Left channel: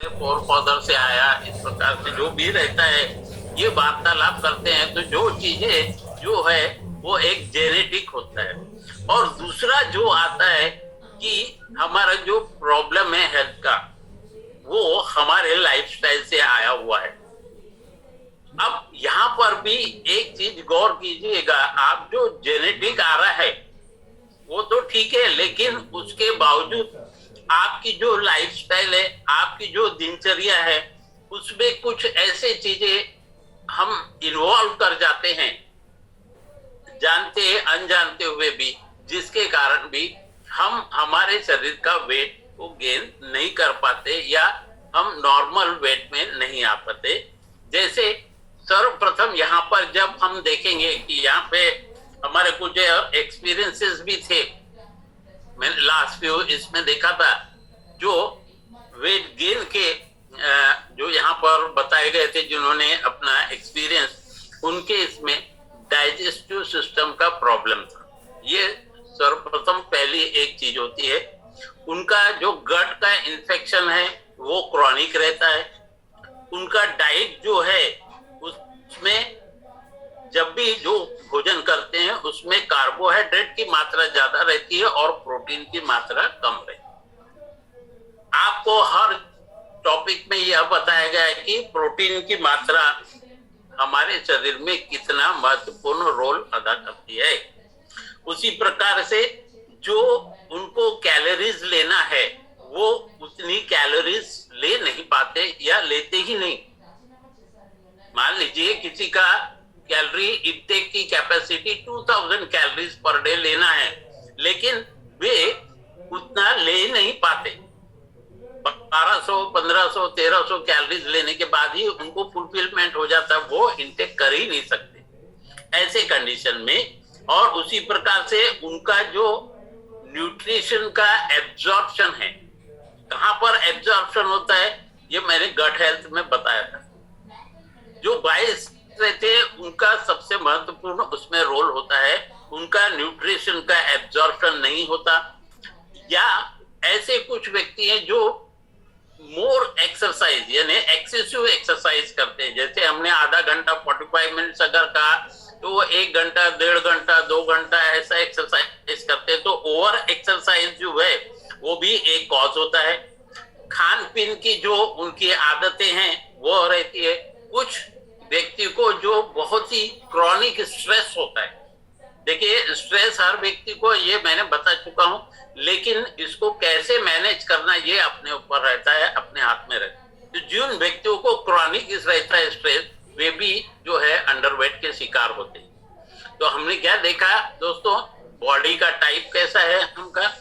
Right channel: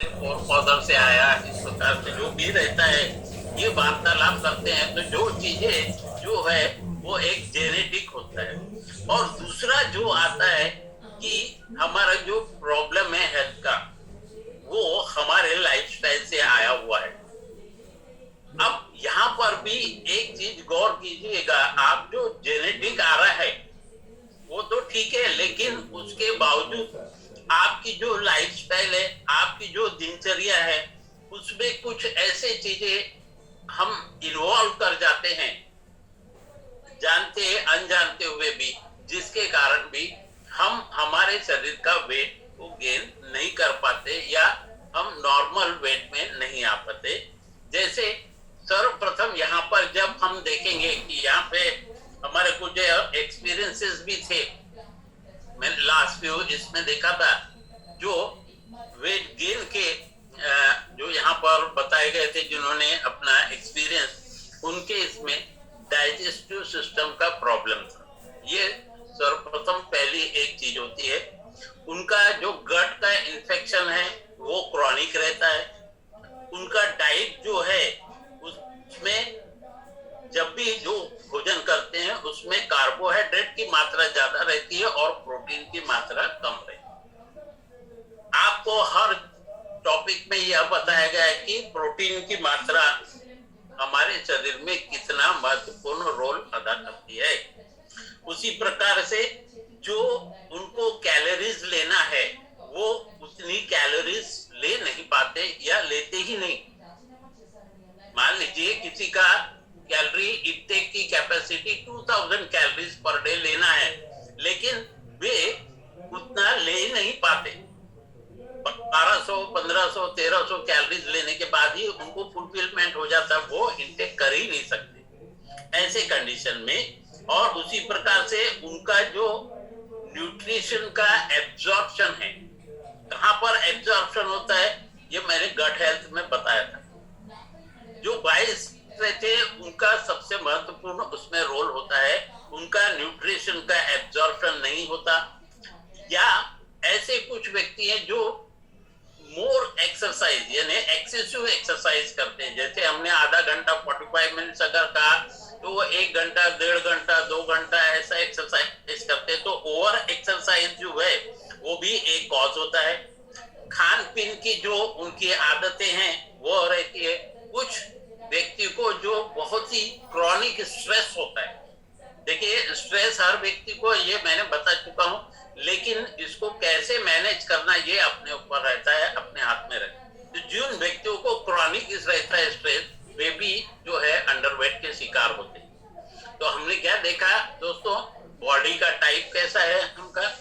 Four father से आया, इस प्रकार से जो भी रहता है ये वार्तालाप करते हैं। तो जो चीजें जो है वो एक जेनेटिक होता है। और दूसरा जो आता है कि हमारा जो प्रॉब्लम है हेल्थ का, वो हमारे लाइफस्टाइल से आया हुआ है। अब यहाँ पर भी एक चीज गौर कीजिएगा, आप जो जेनेटिक आ रहा है वो तो ठीक है, लेकिन उसके बावजूद आपकी जो लाइफस्टाइल है, आपकी जो दिनचर्या है, उसमें कुछ ऐसे चीजें हम इन्वॉल्व कर जाते हैं, जानते अनजानते हुए भी, जिसके कारण भी हम हमारे शरीर का वेट को गेन नहीं कर पाते या हम नॉर्मल वेट में नहीं आ पाते। जैसे सर्वप्रथम यहाँ पर जब हम देखेंगे कि यहाँ पे हमारे कुछ एक्सपीरियंसेस भी थे, मैंने लास्ट फ्यू इसमें देखा था, जो वेट गेन के जो यहाँ पर बताए गए थे, जिन्होंने अपना एक्सपीरियंस, उनके इसमें डाइजेस्टिव सिस्टम का प्रॉब्लम था। ये सर्वप्रथम पहली एक चीज होती है। उनका जो गट का इन्फेक्शन है वो क्रॉनिक रहता है। उनका डाइट जो है उसमें जब भी जो भोजन करते हैं उसमें कार्बोहाइड्रेट की मात्रा ज्यादा रहती है और प्रोटीन की मात्रा कम रहती है। आपको हर टॉपिक में यह बताया गया है कि प्रोटीन की मात्रा हमारे शरीर में कितना महत्वपूर्ण रोल अदा करती है। उसी प्रकार से जो उनको कैलोरीज लेना है वो उतनी कैलोरीज ले नहीं पाते या लेते ही नहीं। मान लीजिए किसी का कैलोरी इंटेक की कैपेसिटी 2000 कैलोरीज पर डे लेना है, लेकिन वे उतना ले नहीं पाते। 1200, 1500, 1300 कैलोरीज लेने के बाद ही उनको फुलफिलमेंट हो जाता है, वो इंटेक कर ही नहीं सकते ऐसे कंडीशन में। और उसी प्रकार से उनका जो न्यूट्रिशन का एब्जॉर्प्शन है, कहां पर एब्जॉर्प्शन होता है, ये मैंने गट हेल्थ में बताया था। जो 22 रहते हैं उनका सबसे महत्वपूर्ण उसमें रोल होता है। उनका न्यूट्रिशन का एब्जॉर्प्शन नहीं होता, या ऐसे कुछ व्यक्ति हैं जो मोर एक्सरसाइज यानी एक्सेसिव एक्सरसाइज करते हैं। जैसे हमने आधा घंटा 45 मिनट्स अगर कहा, तो वो 1 घंटा, 1.5 घंटा, 2 घंटा ऐसा एक्सरसाइज करते हैं। तो ओवर एक्सरसाइज जो है वो भी एक कॉज होता है। खान पीन की जो उनकी आदतें हैं वो रहती है। कुछ व्यक्ति को जो बहुत ही क्रॉनिक स्ट्रेस होता है, देखिए स्ट्रेस हर व्यक्ति को, ये मैंने बता चुका हूं, लेकिन इसको कैसे मैनेज करना ये अपने ऊपर रहता है, अपने हाथ में रहता है। तो जिन व्यक्तियों को क्रॉनिक रहता है स्ट्रेस, वे भी जो है अंडरवेट के शिकार होते हैं। तो हमने क्या देखा दोस्तों, बॉडी का टाइप कैसा है उनका,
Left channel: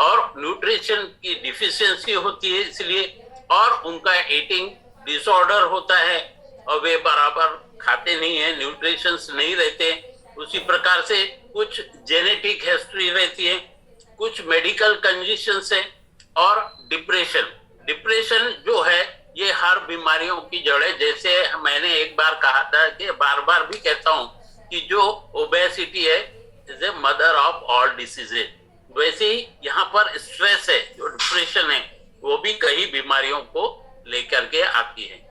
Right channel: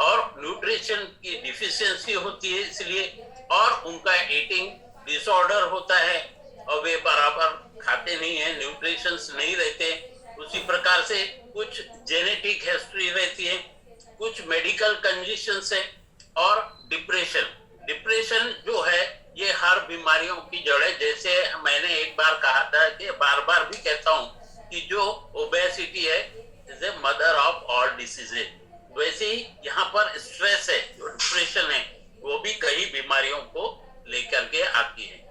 और न्यूट्रिशन की डिफिशियंसी होती है इसलिए, और उनका ईटिंग डिसऑर्डर होता है और वे बराबर खाते नहीं है, न्यूट्रिशंस नहीं रहते। उसी प्रकार से कुछ जेनेटिक हिस्ट्री रहती है, कुछ मेडिकल कंडीशंस है, और डिप्रेशन जो है ये हर बीमारियों की जड़ है। जैसे मैंने एक बार कहा था कि बार बार भी कहता हूं कि जो ओबेसिटी है is a mother of all diseases, वैसे ही यहाँ पर स्ट्रेस है, जो डिप्रेशन है, वो भी कई बीमारियों को लेकर के आती है।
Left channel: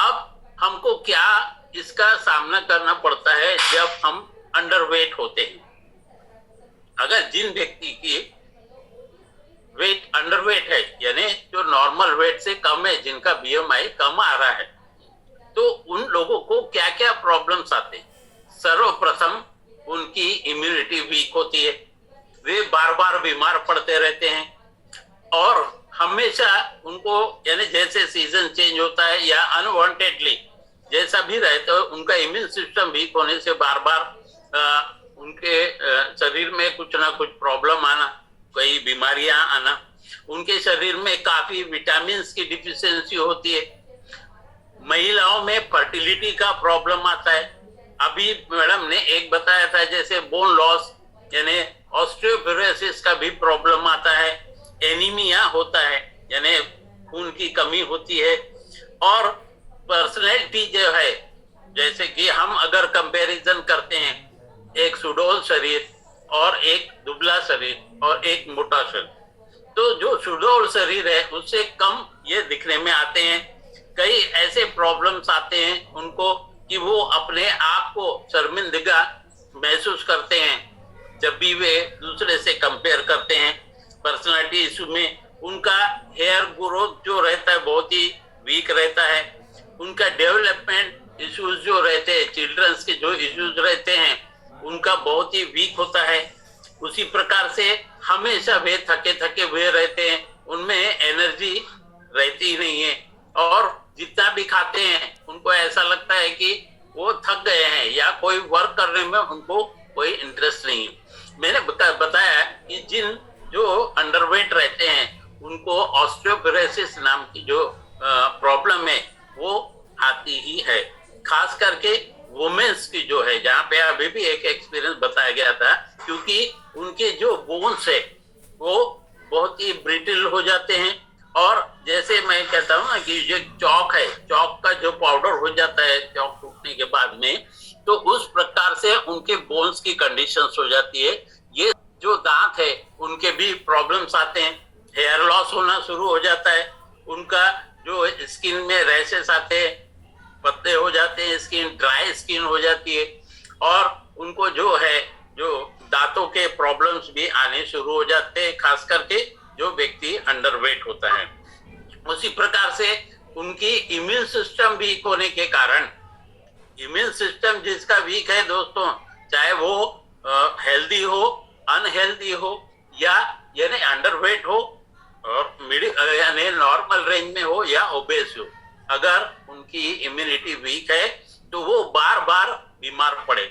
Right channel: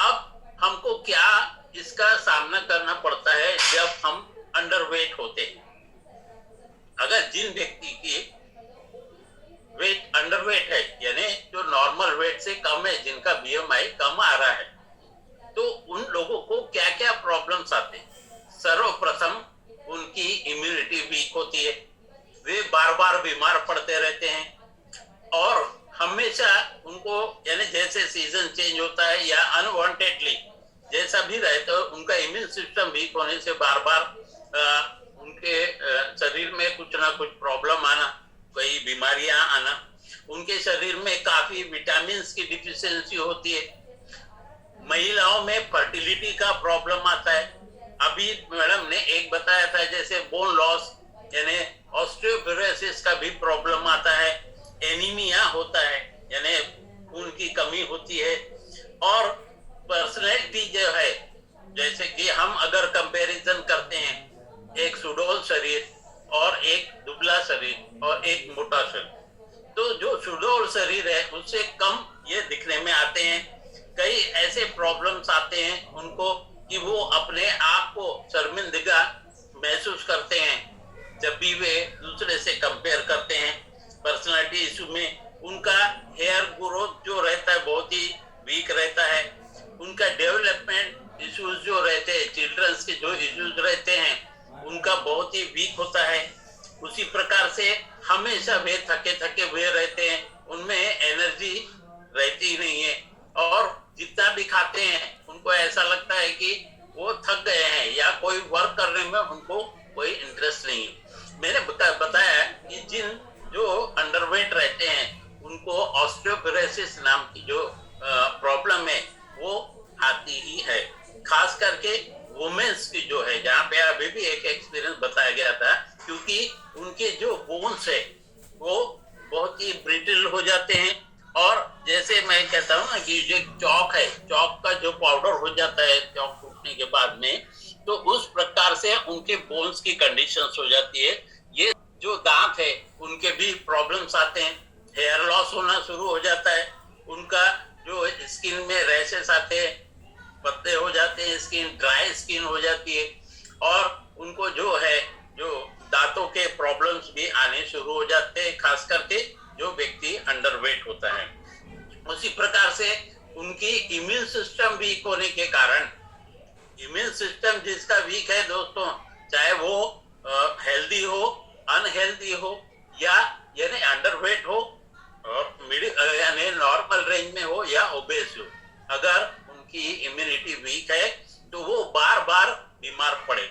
अब हमको क्या इसका सामना करना पड़ता है जब हम अंडरवेट होते हैं। अगर जिन व्यक्ति की वेट अंडरवेट है, यानी जो नॉर्मल वेट से कम है, जिनका बीएमआई कम आ रहा है, तो उन लोगों को क्या क्या प्रॉब्लम्स आते हैं। सर्वप्रथम उनकी इम्यूनिटी वीक होती है, वे बार बार बीमार पड़ते रहते हैं, और हमेशा उनको यानी जैसे सीजन चेंज होता है या अनवांटेडली जैसा भी रहता है, उनका इम्यून सिस्टम वीक होने से बार बार उनके शरीर में कुछ ना कुछ प्रॉब्लम आना, कई बीमारियां आना, उनके शरीर में काफी विटामिन की डिफिशियंसी होती है। महिलाओं में फर्टिलिटी का प्रॉब्लम आता है। अभी मैडम ने एक बताया था, जैसे बोन लॉस यानी ऑस्टियोपोरोसिस का भी प्रॉब्लम आता है, एनीमिया होता है यानी खून की कमी होती है, और पर्सनैलिटी जो है, जैसे कि हम अगर कंपैरिजन करते हैं, एक सुडौल शरीर और एक दुबला शरीर और एक मोटा शरीर, तो जो सुडौल शरीर है उससे कम ये दिखने में आते हैं। कई ऐसे प्रॉब्लम्स आते हैं उनको कि वो अपने आप को शर्मिंदगा महसूस करते हैं जब भी वे दूसरे से कंपेयर करते हैं। पर्सनालिटी इशू में उनका हेयर ग्रोथ जो रहता है बहुत ही वीक रहता है। उनका डेवलपमेंट इश्यूज जो रहते हैं, चिल्ड्रंस के जो इश्यूज रहते हैं उनका बहुत ही वीक होता है। उसी प्रकार से हमेशा वे थके थके हुए रहते हैं, उनमें एनर्जी रहती ही नहीं है और जितना भी खाते हैं उनको ऐसा लगता है कि वो थक गए हैं या कोई वर्क करने में उनको कोई इंटरेस्ट नहीं है। मैंने बताया कि जिन जो अंडरवेट रहते हैं उनको ऑस्टियोपोरोसिस नाम की जो प्रॉब्लम है वो आती ही है। खास करके वुमेन्स की जो है, जहाँ पे अभी भी एक एक्सपीरियंस बताया गया था, क्योंकि उनके जो बोन्स है वो बहुत ही ब्रिटिल हो जाते हैं। और जैसे मैं कहता हूँ ना कि जो चौक है, चौक का जो पाउडर हो जाता है चौक टूटने के बाद में, तो उस प्रकार से उनके बोन्स की कंडीशंस हो जाती है। ये जो दांत है उनके भी प्रॉब्लम्स आते हैं, हेयर लॉस होना शुरू हो जाता है, उनका जो स्किन में रैशेस आते हैं, पत्ते हो जाते हैं, स्किन ड्राई स्किन हो जाती है और उनको जो है जो दांतों के प्रॉब्लम्स भी आने शुरू हो जाते हैं, खास करके जो व्यक्ति अंडरवेट होता है। उसी प्रकार से उनकी इम्यून सिस्टम वीक होने के कारण, इम्यून सिस्टम जिसका वीक है दोस्तों, चाहे वो हेल्दी हो, अनहेल्दी हो या यानी अंडरवेट हो और मिडिल यानी नॉर्मल रेंज में हो या ओबेस हो, अगर उनकी इम्यूनिटी वीक है तो वो बार बार बीमार पड़े।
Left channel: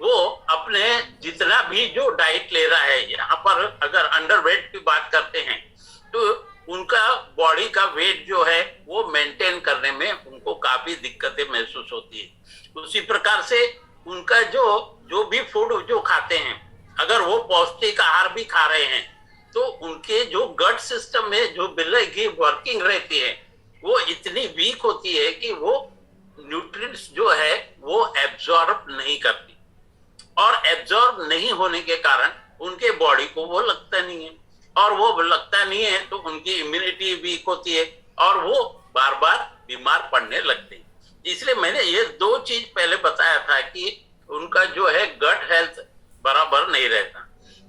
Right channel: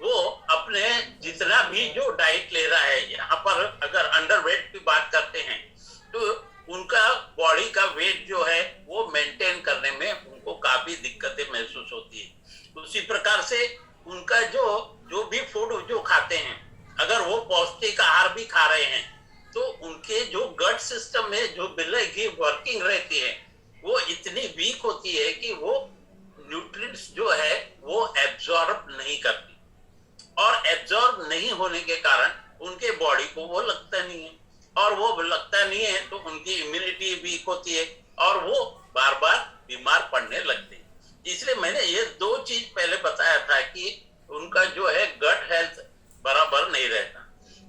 वो अपने जितना भी जो डाइट ले रहा है, यहाँ पर अगर अंडरवेट की बात करते हैं तो उनका बॉडी का वेट जो है वो मेंटेन करने में उनको काफी दिक्कतें महसूस होती है। उसी प्रकार से उनका जो भी फूड जो खाते हैं, अगर वो पौष्टिक आहार भी खा रहे हैं तो उनके जो गट सिस्टम में जो बिल्ली की वर्किंग रहती है वो इतनी वीक होती है कि वो न्यूट्रिएंट्स जो है वो एब्जॉर्ब नहीं करती और एब्जॉर्ब नहीं होने के कारण उनके बॉडी को वो लगता नहीं है और वो लगता नहीं है तो उनकी इम्यूनिटी वीक होती है और वो बार बार बीमार पड़ने लगते हैं। इसलिए मैंने ये दो चीज पहले बताया था कि उनका जो है गट हेल्थ बराबर नहीं रहता।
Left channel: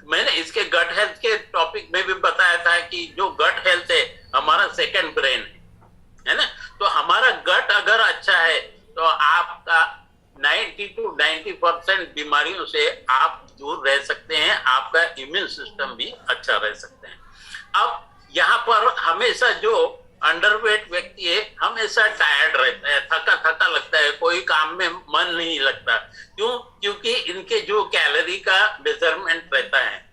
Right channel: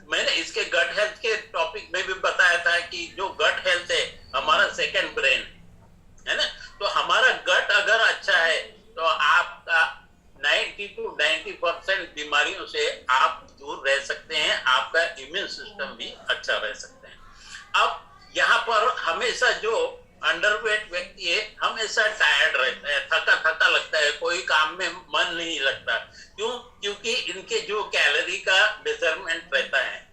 मैंने इसके गट हेल्थ के टॉपिक में भी बताया था कि जो गट हेल्थ है हमारा सेकंड ब्रेन है ना, तो हमारा गट अगर अच्छा है तो आपका 90 to 90% बीमारियों से आप दूर रह सकते हैं, आपका इम्यून सिस्टम भी अच्छा रह सकते हैं। अब यहाँ पर हमेशा जो अंडरवेट व्यक्ति है हमेशा टायर्ड रहता है, थका थका लगता है, कोई काम में मन नहीं लगता। क्यों? क्योंकि इनके जो कैलोरी का मेजरमेंट रहता है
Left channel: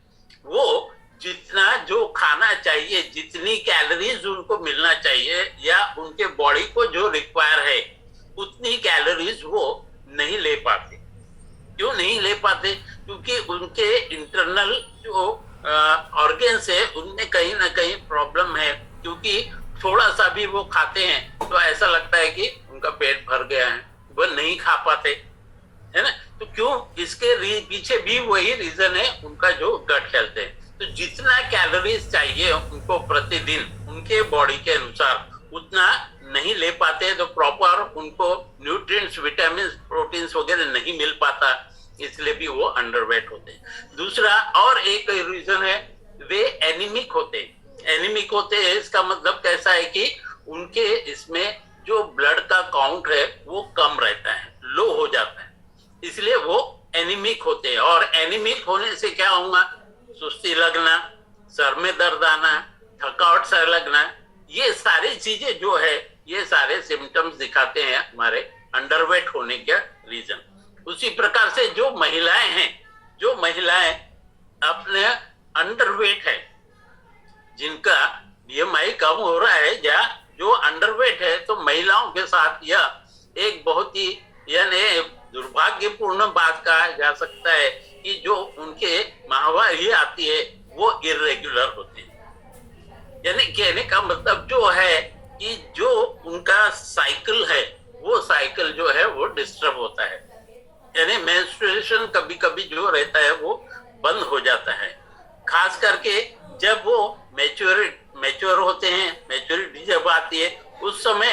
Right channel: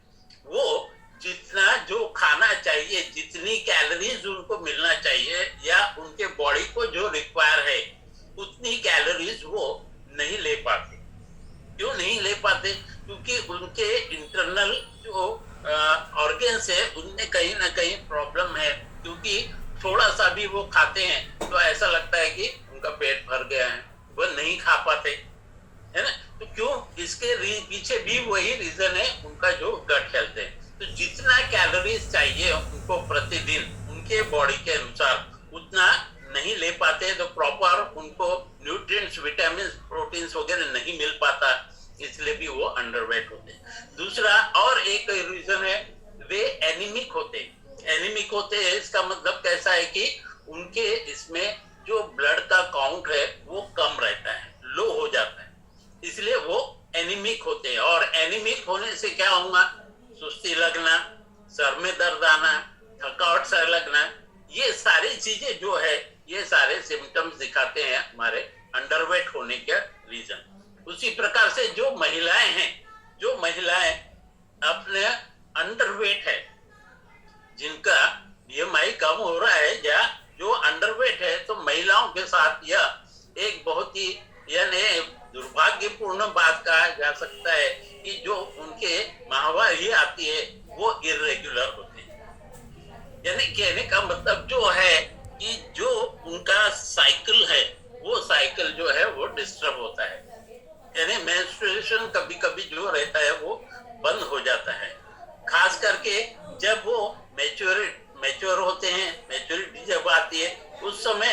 वो जितना जो खाना चाहिए, जितनी कैलोरीज उनको मिलना चाहिए या उनके बॉडी को जो रिक्वायर है उतनी कैलोरीज वो नहीं ले पाते। क्यों नहीं ले पाते? क्योंकि उनके इंटरनल जो ऑर्गन्स है उनमें कहीं ना कहीं प्रॉब्लम है। क्योंकि थोड़ा सा भी वो खाते हैं तो ऐसा लगता है कि उनका पेट भर गया है, वो नहीं खा पाते, है ना। तो क्यों? इसके पीछे भी वही रीजन है, उनका जो गट हेल्थ है। तो जितना कैलोरीज चाहिए उनको प्रतिदिन उनके बॉडी के अनुसार उतना नहीं ले पाते, तो प्रॉपर उनको न्यूट्रिएंट्स, विटामिन, प्रोटीन्स वगैरह नहीं मिल पाता, इसलिए भी वो अंडरवेट होते हैं। दूसरा और एक रीजन है, वे एनीमिक होते हैं। एनीमिक होते हैं इसका मतलब कैसा है कि उनके इसमें जो ब्लड का काउंट है वो कम रहता है, लो हो जाता है, इसलिए वो एनीमिक होते हैं। और एनीमिक होने से क्या होगा? सुस्ती लगना, सर में दर्द आना, थकावट सा लगना, ये सारी चीजें जो है ये सारे सिम्टम्स दिखाते हैं हमारे अंडरवेट होने के रीजन। उसी प्रकार से जो महिलाएं हैं, जो महिलाएं अपने अंडरवेट है, जिनका बीएमआई कम हो रहा है या जो अंडरवेट है, तो महिलाओं के साथ यह एक बहुत ही यानी दुर्भाग्यपूर्ण बात कहा जा सकता है कि जो उनके माहवारी आती है वो इर्रेगुलर होती है। यानी कहने का मतलब जो है कि जो उनका साइकिल है वो साइकिल जो है वो डिस्टर्ब होता है, यानी मेंस्ट्रुएशन कभी कभी जो रहता है वो बंद हो जाता है। खास करके जब वो मैच्योर होते हैं, मैच्योरिटी जब आती है उस समय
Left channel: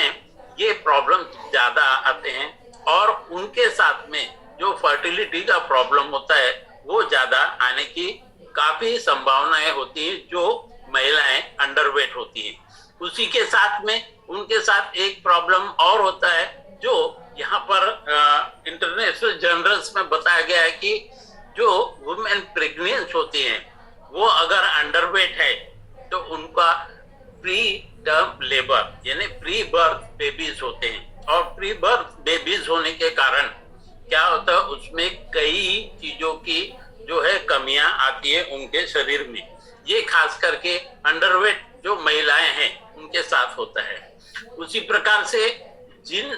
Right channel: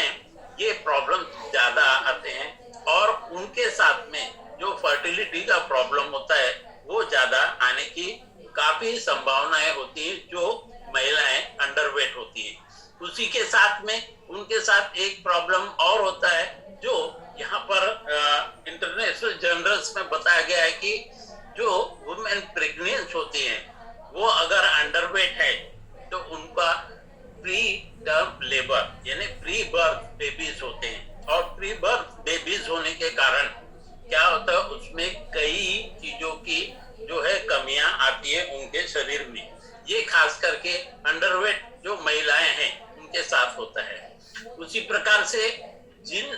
ये प्रॉब्लम ज्यादा आते हैं और उनके साथ में जो फर्टिलिटी का प्रॉब्लम होता है वो ज्यादा आने की काफी संभावनाएं होती हैं जो महिलाएं अंडरवेट होती हैं। उसी के साथ में उनके साथ एक प्रॉब्लम और होता है जो यहाँ पर इंटरनेशनल जर्नल्स में बताया गया है कि जो वुमेन प्रेग्नेंट होती हैं वो अगर अंडरवेट है तो उनका प्री टर्म लेबर यानी प्री बर्थ बेबीज होते हैं और प्री बर्थ बेबीज होने के कारण क्या होता है उसमें कई चीजों की जो है कमियां आती है उनके शरीर में। ये खास करके अंडरवेट जो महिलाएं हैं उनके साथ होता है। उसी प्रकार से जिन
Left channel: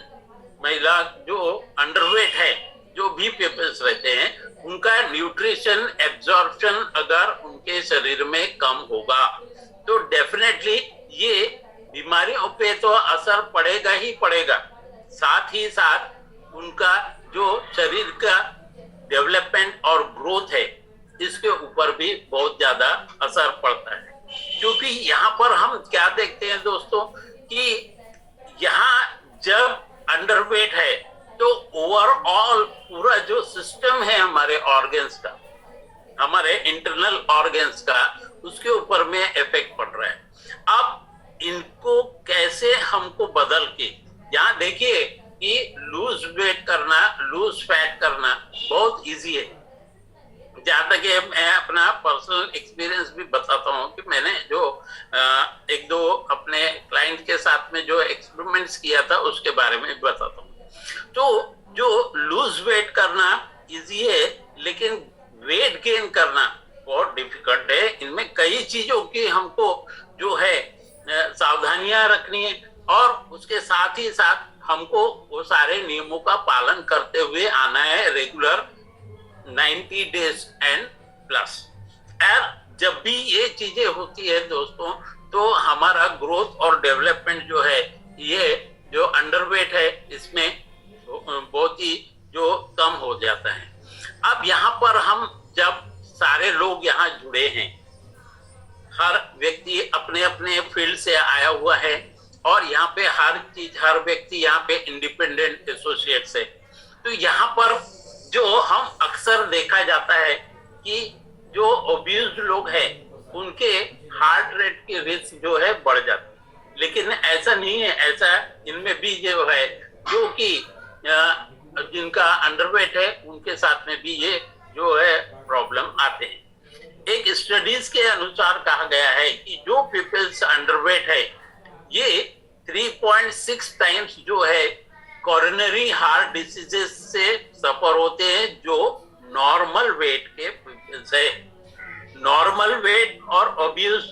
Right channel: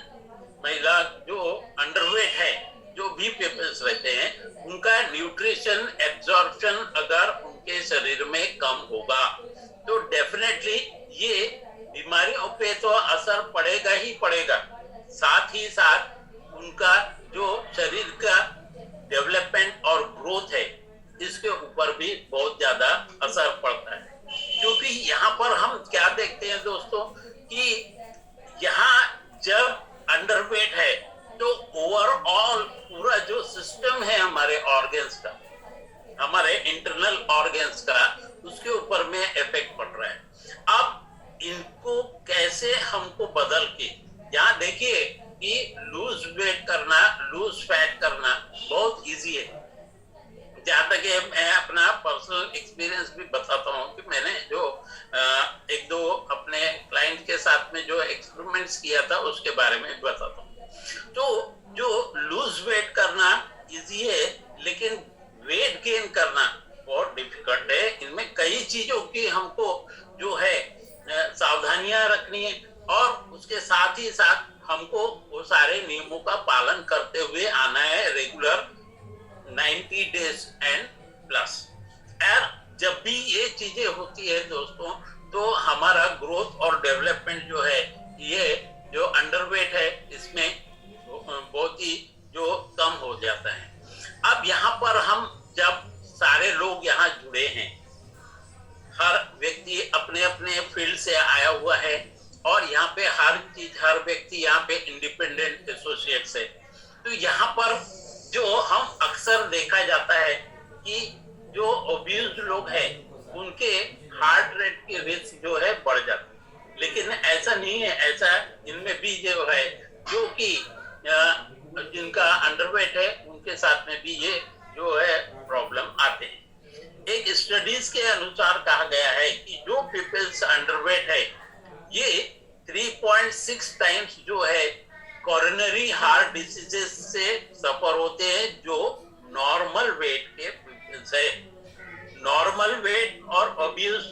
महिला जो अंडरवेट है जो भी पीपल्स रहते हैं उनका न्यूट्रिशन एब्जॉर्प्शन अगर उनके शरीर में कम होगा तो डेफिनेटली ये बीमारियों पे तो असर पड़ेगा ही पड़ेगा, साथ ही साथ उनका जो शरीर का डेवलपमेंट और ग्रोथ है इसके ऊपर भी बहुत ज्यादा असर पड़ता है। क्योंकि यहाँ पर हम क्या देखते हैं दोस्तों कि यहाँ जब अंडरवेट है तो ओवरऑल पूरा जो सिस्टम है हमारे ऑर्गन्स का, हमारे इंटरनल ऑर्गन्स का, उसके ऊपर में इफेक्ट पड़ रहा है। अब इनको कैसे हमको बदल के, यहाँ देखिए कि लूज वेट करना, लूज फैट करना बहुत इजी है। जहाँ तक मैं अपना पर्सनल एक्सपीरियंस भी बताता हूँ कि मैंने जो एक दो अपने क्लाइंट के साथ में जो एक्सपेरिमेंट्स किया था उसके बारे में भी बताता हूँ। तो जो लूज वेट करना इजी है लेकिन वेट गेन करना बहुत डिफिकल्ट है। इनमें कई चीजों की हमको जो है सावधानियां रखनी है और उसके साथ ही साथ हमको वो सारे नियमों का पालन करते हुए आना है रेगुलर 90 डेज एंड प्लस। और जब भी ये चीजें होती है दोस्तों तो हमारा ग्रोथ और डेवलपमेंट जो है ये जो अंडरवेट है इसमें बहुत ही जो कम हो जाता है। अब यहाँ पर हम जब सारे लोग यहाँ जुड़े हैं, हर व्यक्ति अपने अपने फील्ड से आया हुआ है और यहाँ पे हर व्यक्ति यहाँ पे इंडिपेंडेंट एसोसिएट्स है। तो यहाँ पर जो हम अक्सर देखा जाता है कि जो ओब्यूज्ड लोग हैं उनके हार्ट रेट की रिस्क जो है बढ़ जाती है, लेकिन ऐसा नहीं है। ऐसा इनमें भी जो है जो कि जिनका अंडरवेट है उनके साथ में भी ये जो है प्रॉब्लम आते हैं। एक स्टडीज के अनुसार कहा गया है कि जो पीपल्स अंडरवेट है ये 3.6 टाइम्स जो है कोरोनरी हार्ट डिसीजेस से सफर होते हैं जो नॉर्मल वेट के पीपल्स है। नॉर्मल वेट और ओब्यूज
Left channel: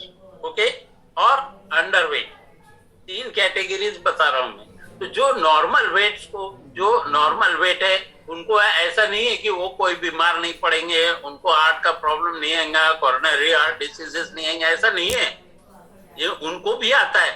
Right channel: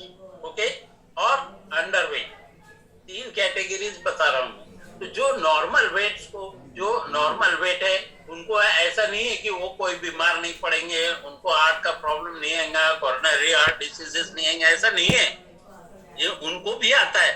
ओके और अंडरवेट तीन कैटेगरीज बता रहा हूँ। तो जो नॉर्मल वेट्स को जो नॉर्मल वेट है उनको ऐसा नहीं है कि वो कोई बीमार नहीं पड़ेंगे, उनको हार्ट का प्रॉब्लम नहीं आएगा, कोरोनरी हार्ट डिसीजेस नहीं आएंगे, ऐसा नहीं है। ये उनको भी आता है